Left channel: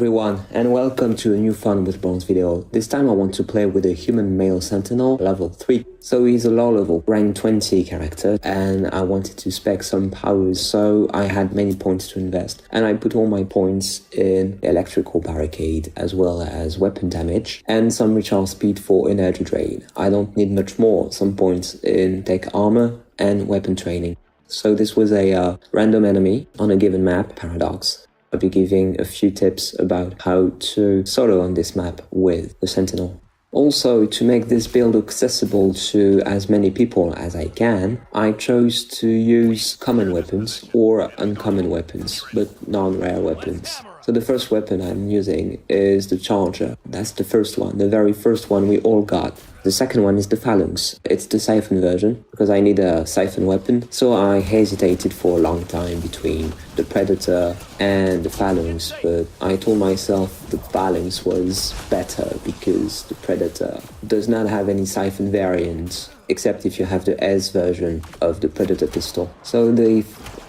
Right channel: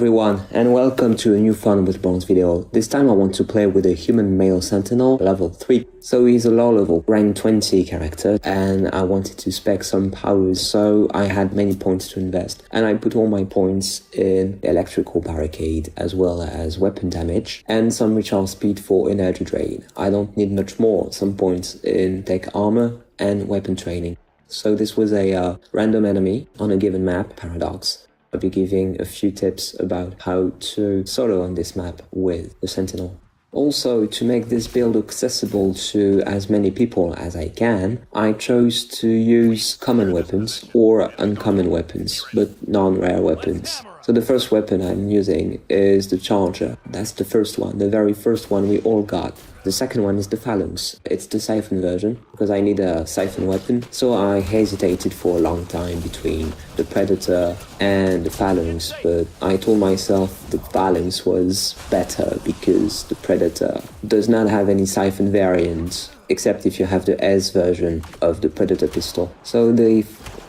everyone, and welcome to a new Fun with Bronze video. This time I want to play with a human male Sentinel, level 3. So he's a low level, rank 20 character, and I wanted to spec some powers, so I had many points to invest. And I put all my points in electrical barricade, as well as weapon damage, and some recharge speed for energy drain. I don't need much more, some points in tech armor and weapon training. So this was a random enemy on a given map, Paradox. I'll be giving a few tips about how to solo on this map with the Sentinel. Also, to make this build accessible to as many people as I can, I chose to use common weapons or uncommon weapons, but non-rare weapons. So the first weapon I'm using is the Charger. That's the first one, the very first one we all got. The second one is the Phalanx. It's the Siphon version, because I need a Siphon weapon, so I hesitated for a long time between the Predator and the Phalanx, but I told myself the Phalanx was better because the Predator does not have any Siphon variant, except if you have the S version of the Predator pistol. So the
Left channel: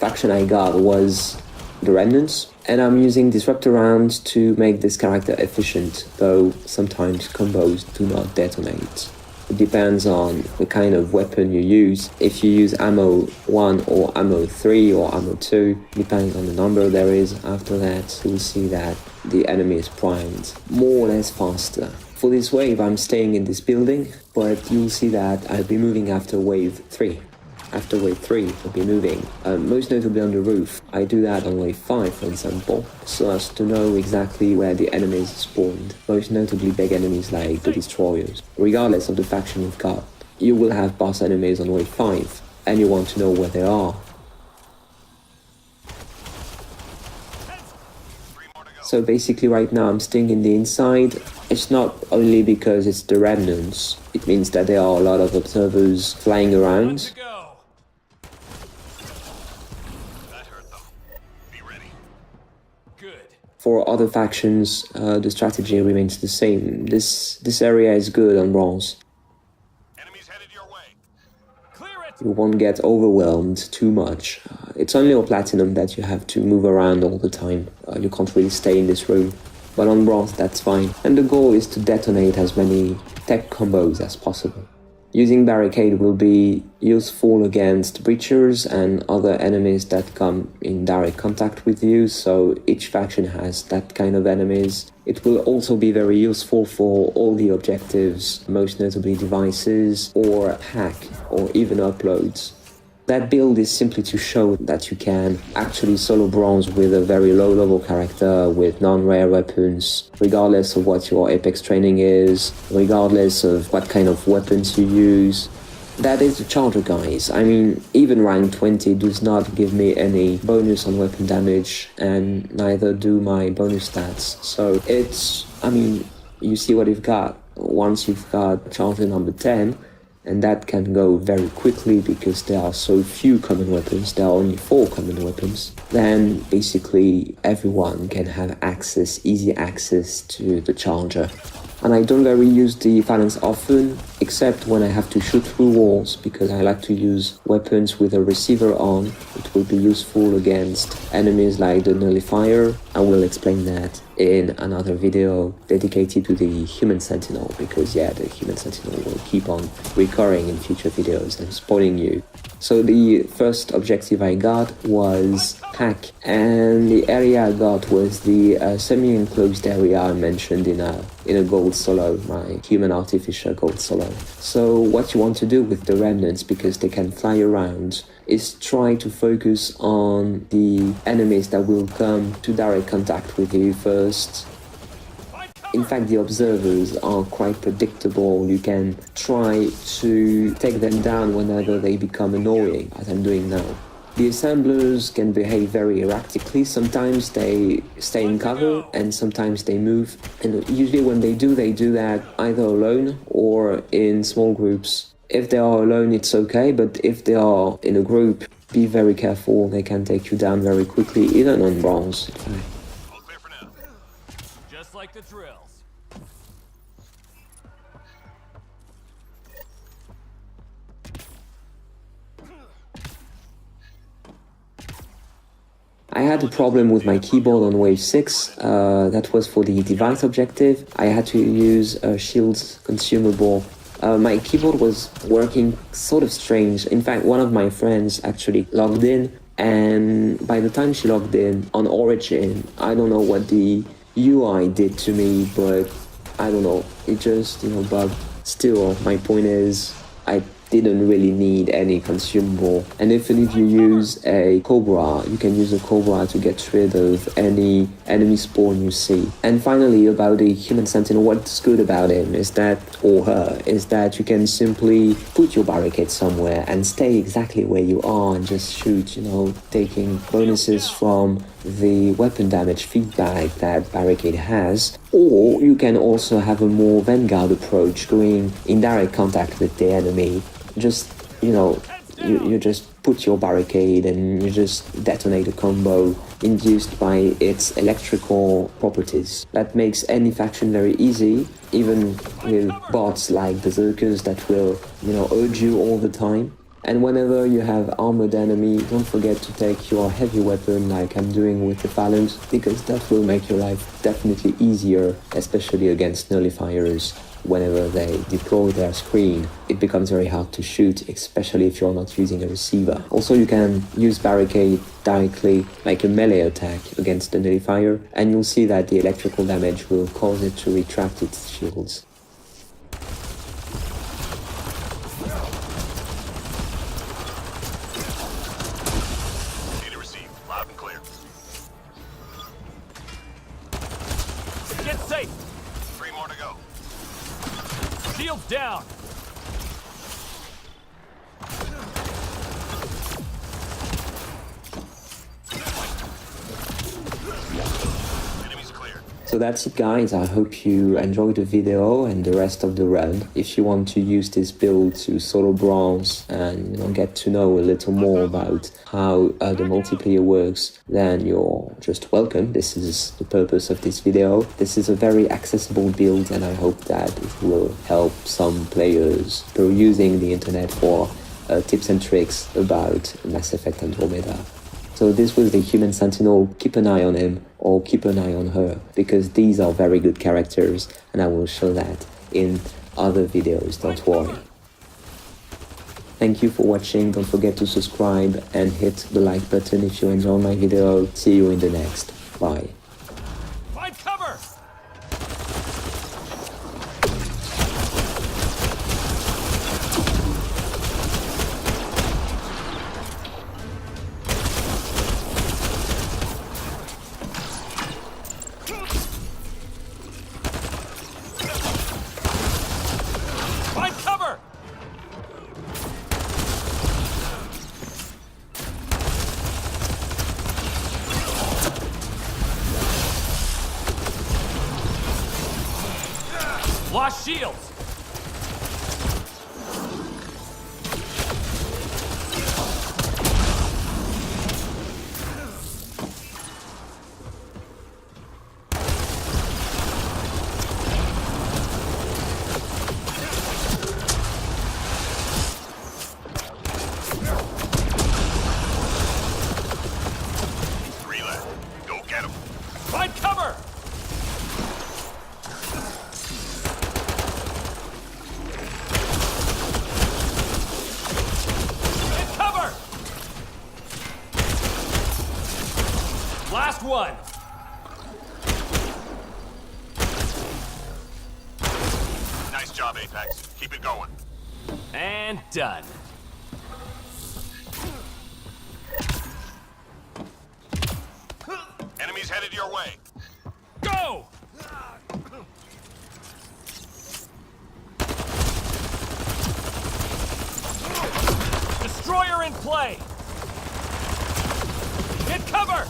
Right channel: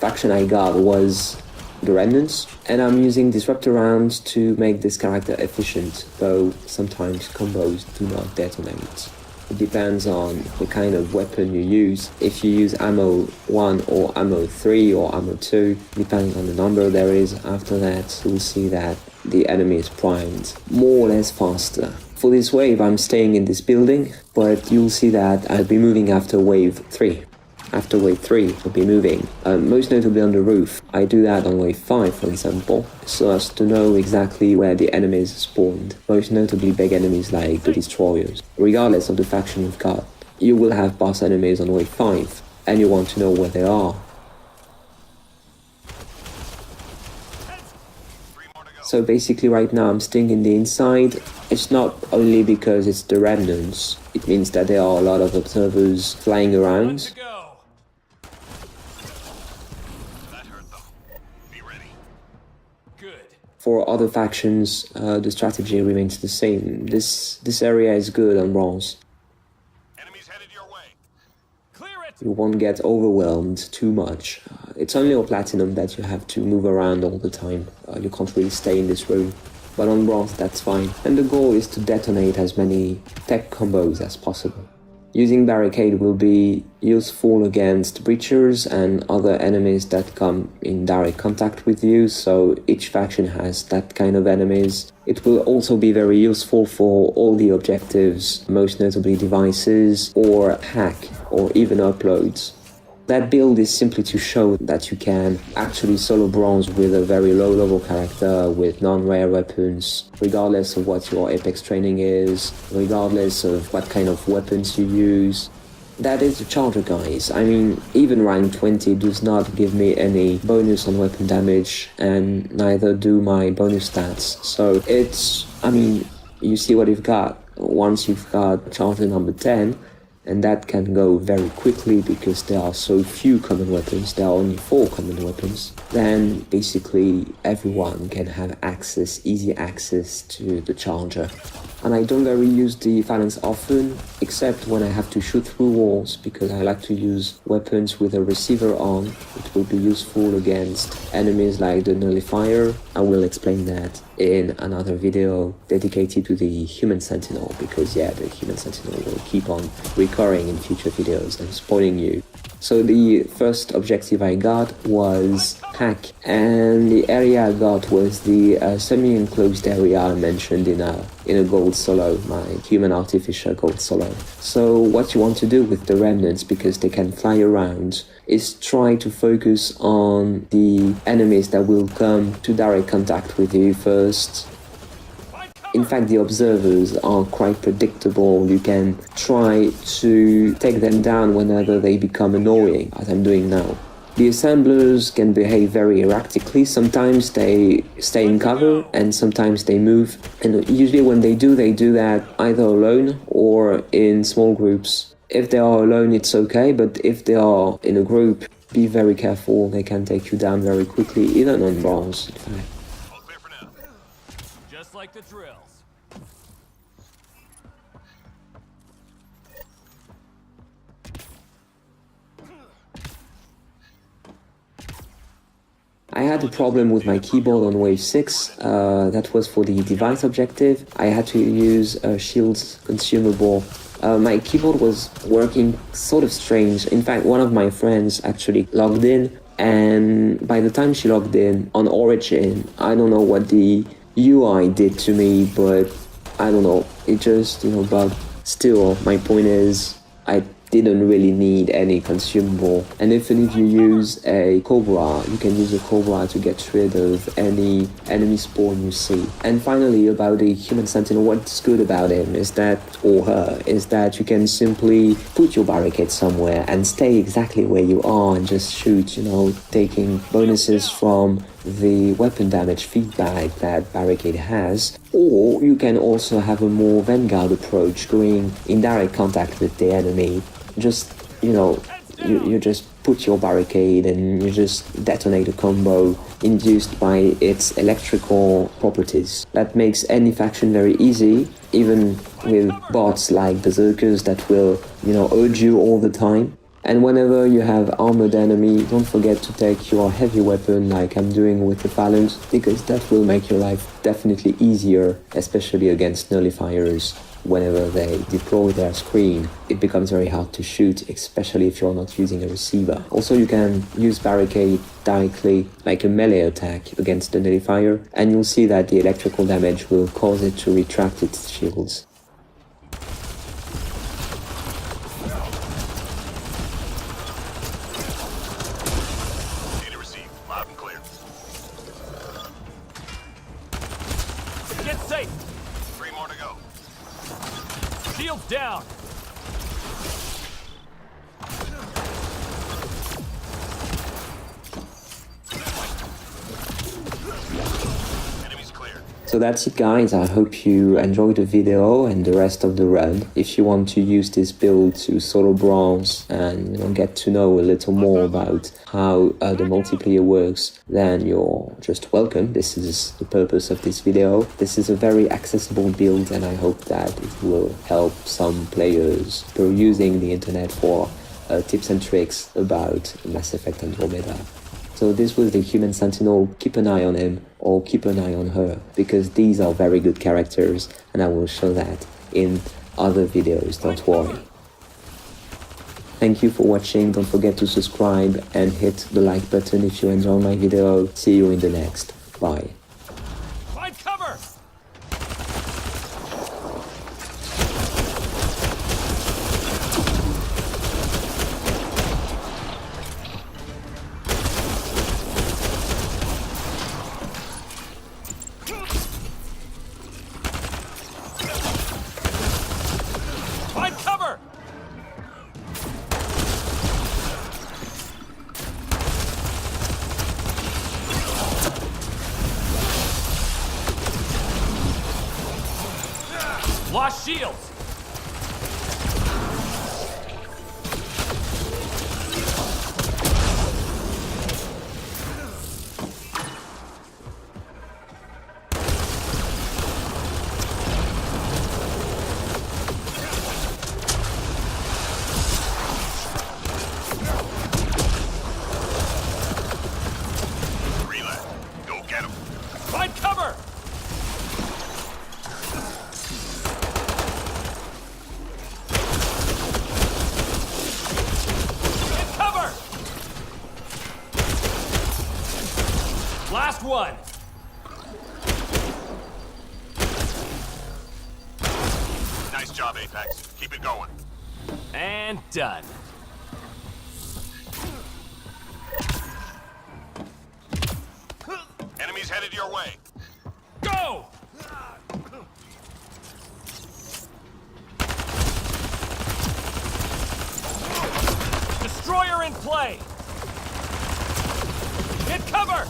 faction I got was the Remnants, and I'm using Disruptor rounds to make this character efficient, though sometimes combos do not detonate. It depends on what kind of weapon you use. If you use ammo 1 or ammo 3 or ammo 2, depends on the number there is after that, you'll see that the enemy is primed more or less faster. For this wave I'm staying in this building, but you'll see that I'll be moving after wave 3. After wave 3, I'll be moving, most notably on the roof. I do that on wave 5, for example, so as to know exactly where the enemies spawned, most notably big enemies like the Destroyers. Regardless of the faction you've got, you will have boss enemies on wave 5, and you want to know where they are. So basically right now I'm staying in the inside. It's not only because it's the Remnants, it means that there are a lot of observers flying around. For other factions, the strategy remains the same. This area is good on bronze. Enemies headed your way. Clear it. You won't get overwhelmed too much. It's only on platinum that you have to move around all the time. You can't really stay in this room. But on bronze, that's fine. And the goal is to detonate as many tech combos as possible. Using barricade will be useful against breachers and other enemies that come in direct contact with you, so each faction has that kind of enemies. It will also be very useful for all the objectives, most notably devices, or hack, or even uploads. That build is simply to show that you can actually solo bronze with a very low level character with non-rare weapons, regardless of what your Apex training is, regardless of what kind of weapons you use. That is the Charger, guys. I mean, even rank 20 does not give me any bonus on weapon damage, and neither do my bonus stats. So it's, I mean, you see what you've got. Once you've got Charger number 10, and that can go very quickly because there are so few common weapons, there are only 4 common weapons, then basically everyone can have access, easy access to the Charger. And I don't really use the Phalanx often, except when I have to shoot through walls, because I like to use weapons with a receiver on. It will be useful against enemies like the Nullifier. I will explain that in another video dedicated to the Human Sentinel, because yeah, the Human Sentinel will keep on recurring in future videos and spoiling you. So the first objective I got was hack, and the area I got was the semi-enclosed area I mentioned in a gold solo, my human artificial gold solo. So what you want to do with the Remnants, because they can fly around, is try to focus on the enemies that will come to direct contact with you first. In fact, the observers are quite predictable. You can try to take them down whenever they become annoying, as I'm doing now. The assemblers can behave very erratically. Sometimes they stay in cover and sometimes they move. And usually when they do that either alone or in small groups. If they are alone, it's okay, but if they are in a group, be very careful. They can take you down very quickly, even on bronze. All clear for now. Just like the drills. I had a problem with my keyboard on wave 6, that was for the device objective. I had to use a shields consumable. My keyboard was working sort of strange. In fact, one of my friends actually logged in, and by the time she logged in on Origin, I don't know what the UI did to me, but I don't know, it just, bugged. Still, my point is, I didn't really need any consumable. And even if you use a Cobra, you can use a Cobra to get rid of any enemy spawn you see. And finally, about the human sentinel, what's good about him is that, or her, is that you can simply put your barricade somewhere and stay exactly where you are and just shoot, taking bonuses from the weapon damage feedback that barricade has. Or you can also have a more vanguard approach, going in direct contact with the enemy. Just, you just put your barricade and you just detonate a combo induced by its electrical properties. That makes any faction very easy, even with bots like berserkers that will, urge you all the time. And whenever you have armored enemy, don't forget to take your heavy weapon like I'm doing with the Phalanx, because that will make your life definitely easier, especially against nullifiers. Whenever they deploy their screen, it becomes very hard to shoot, especially if you're not using a receiver. Also, you can use barricade directly, like a melee attack against the nullifier, and you'll see that the electrical damage will cause it to retract its shields. Data received. Loud and clear. Get safe! 3 more to go. Shields down! Enemies cleared. So that's it, guys. I hope you enjoyed the video and the rest of the run. If you want to use this build to solo bronze and get to know a little more about how the multiplayer works, then you're just welcome. This is the purpose of this video. This is a very accessible build, and I hope that it will help some players who are using the internet for tips and tricks about Mass Effect Andromeda. So this was the human sentinel. Keep an eye on him, or keep an eye on her, because these are very good characters, and I will show that in other videos, don't worry. Thank you for watching. Don't forget to subscribe and hit the like button if you enjoyed my video. See you in the next. Bye. Find cover! Find cover! Lost shields! Find cover! Get cover! Last one! Nice job, Apex. Keep it going. And done. Enemies headed your way. Go! Destroyer in play! Get cover!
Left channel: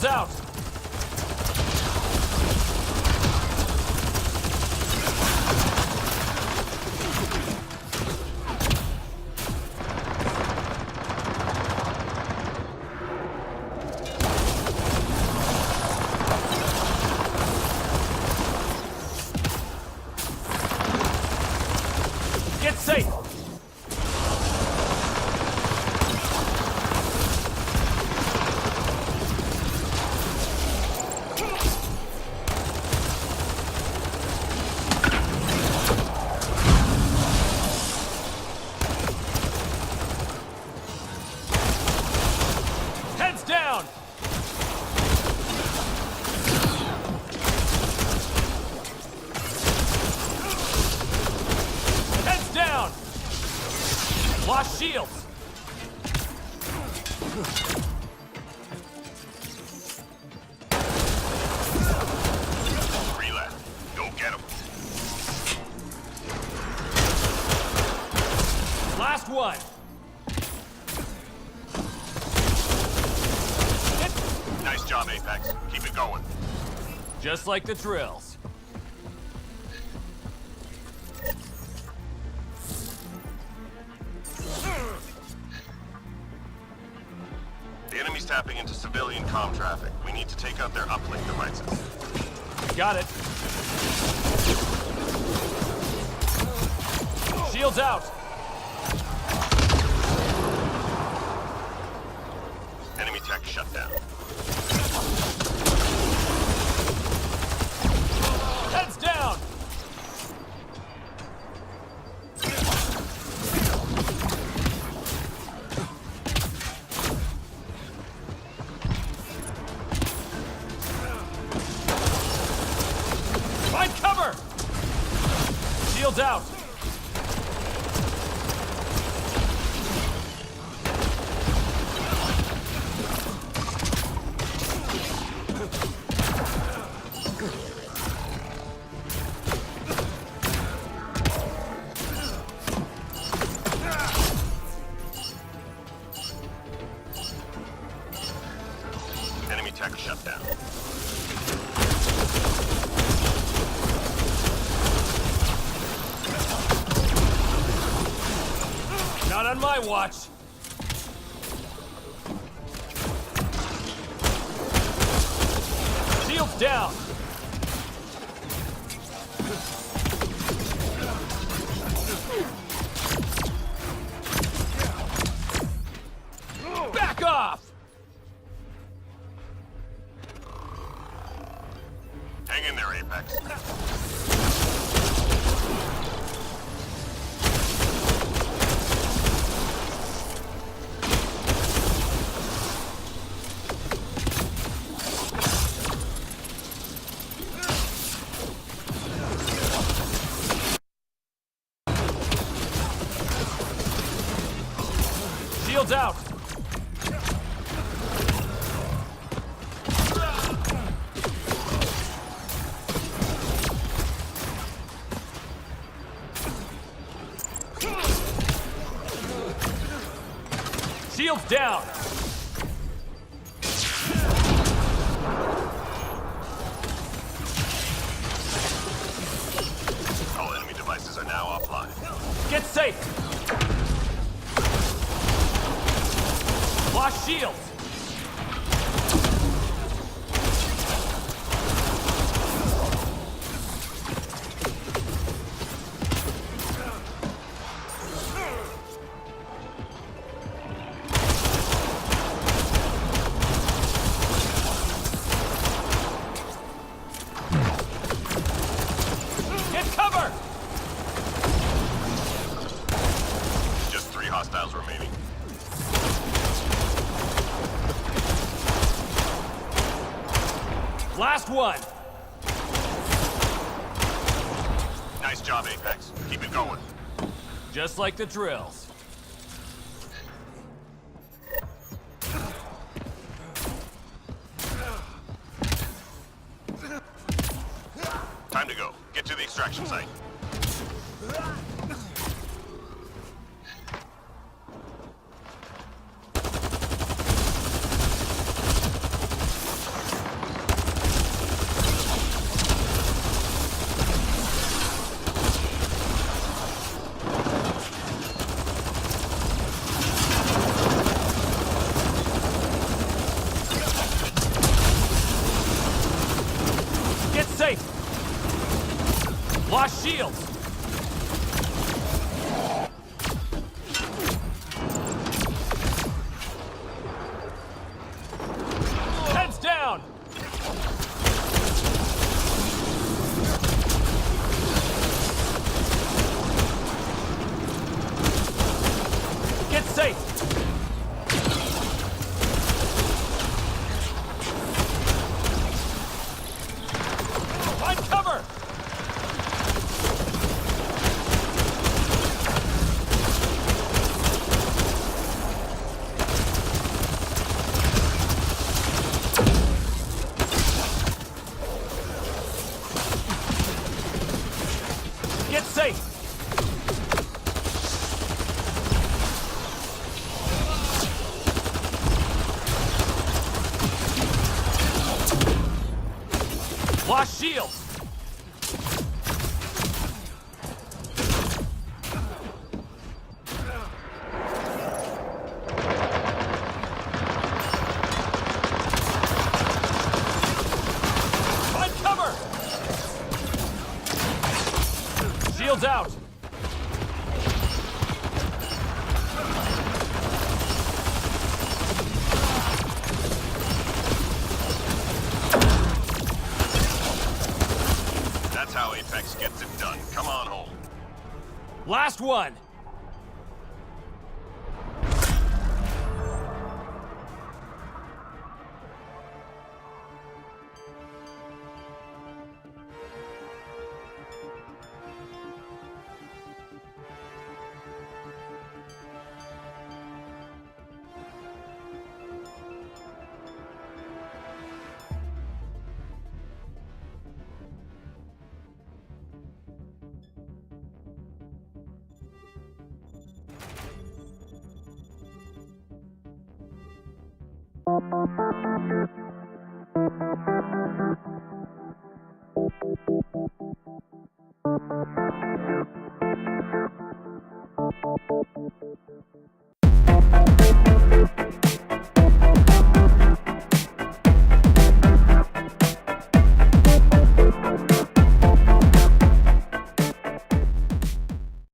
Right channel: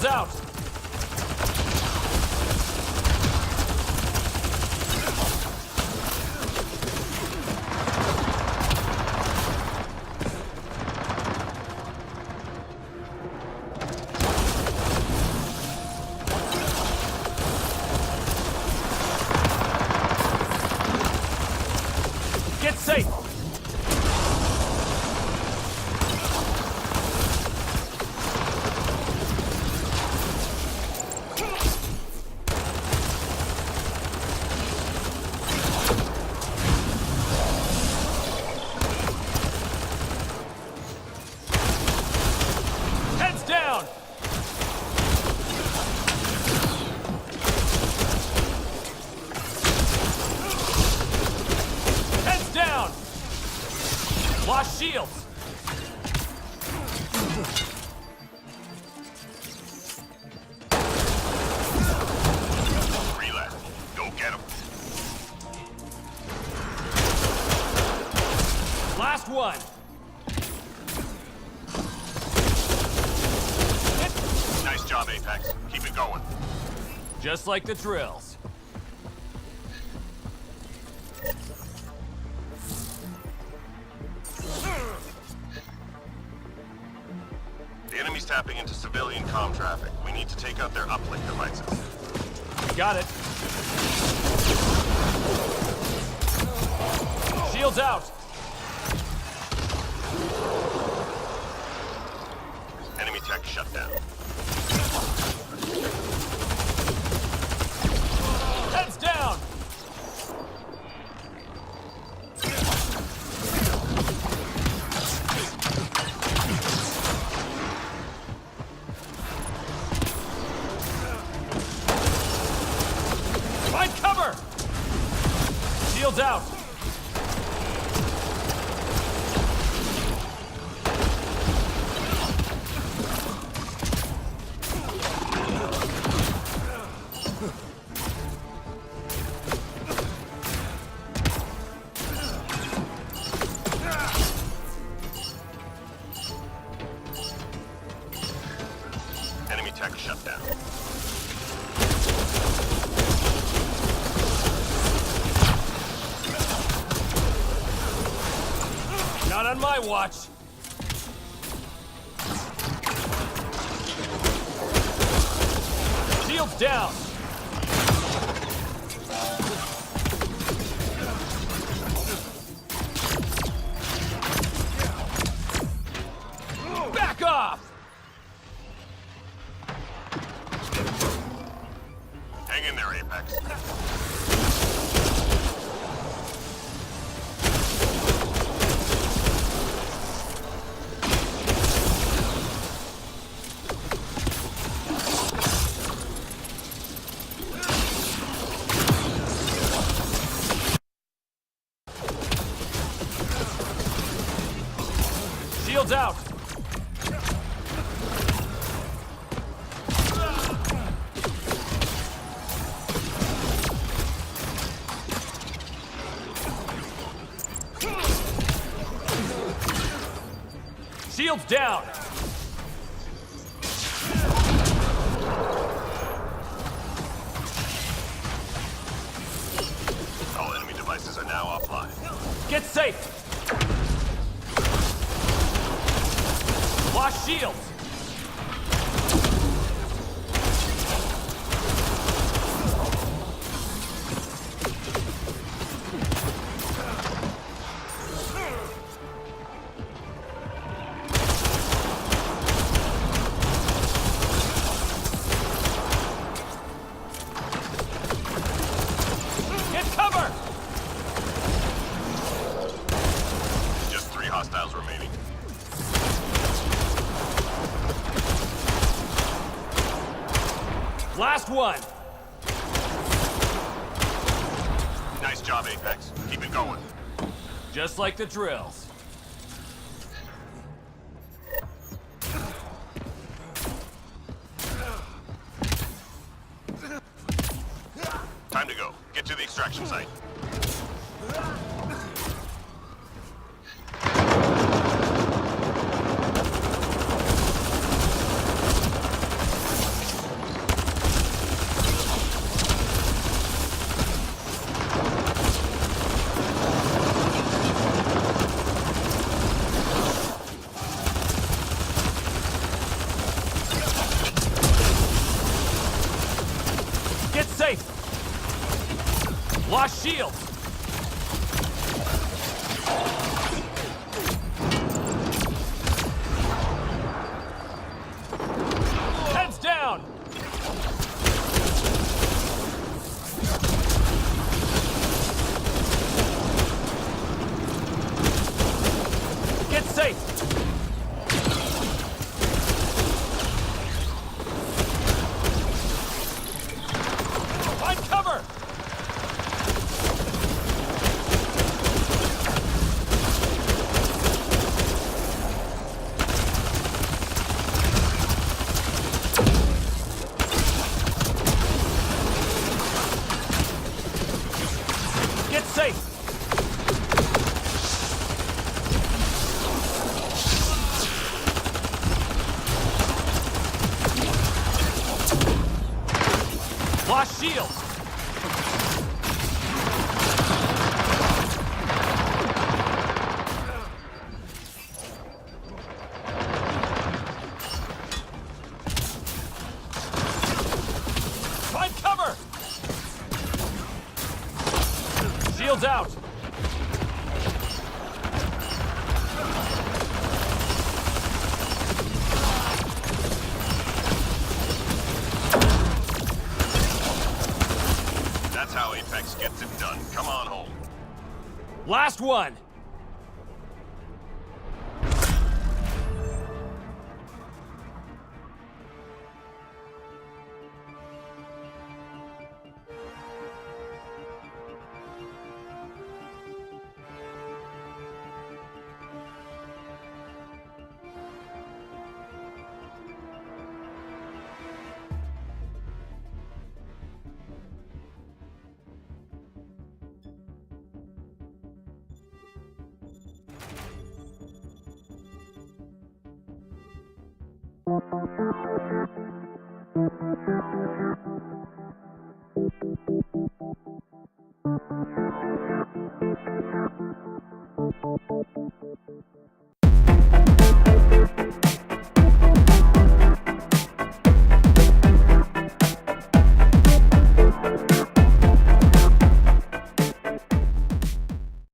Shields out! Get safe! Heads down! Heads down! Lost shields! Three left. Go get them. Last one! Nice job, Apex. Keep it going. Just like the drills. The enemy's tapping into civilian comm traffic. We need to take out their uplink devices. Got it. Shields out! Enemy tech shut down. Heads down! Find cover! Shields out! Enemy tech shut down. Not on my watch! Shields down! Back off! Hang in there, Apex. Shields out! Shields down! All enemy devices are now offline. Get safe! Lost shields! Get cover! Just 3 hostiles remaining. Last one! Nice job, Apex. Keep it going. Just like the drills. Time to go. Get to the extraction site. safe! Lost shields! Heads down! Get safe! Find cover! Get safe! Lost shields! Find cover! Shields out! That's how Apex gets it done. Come on home. Last one!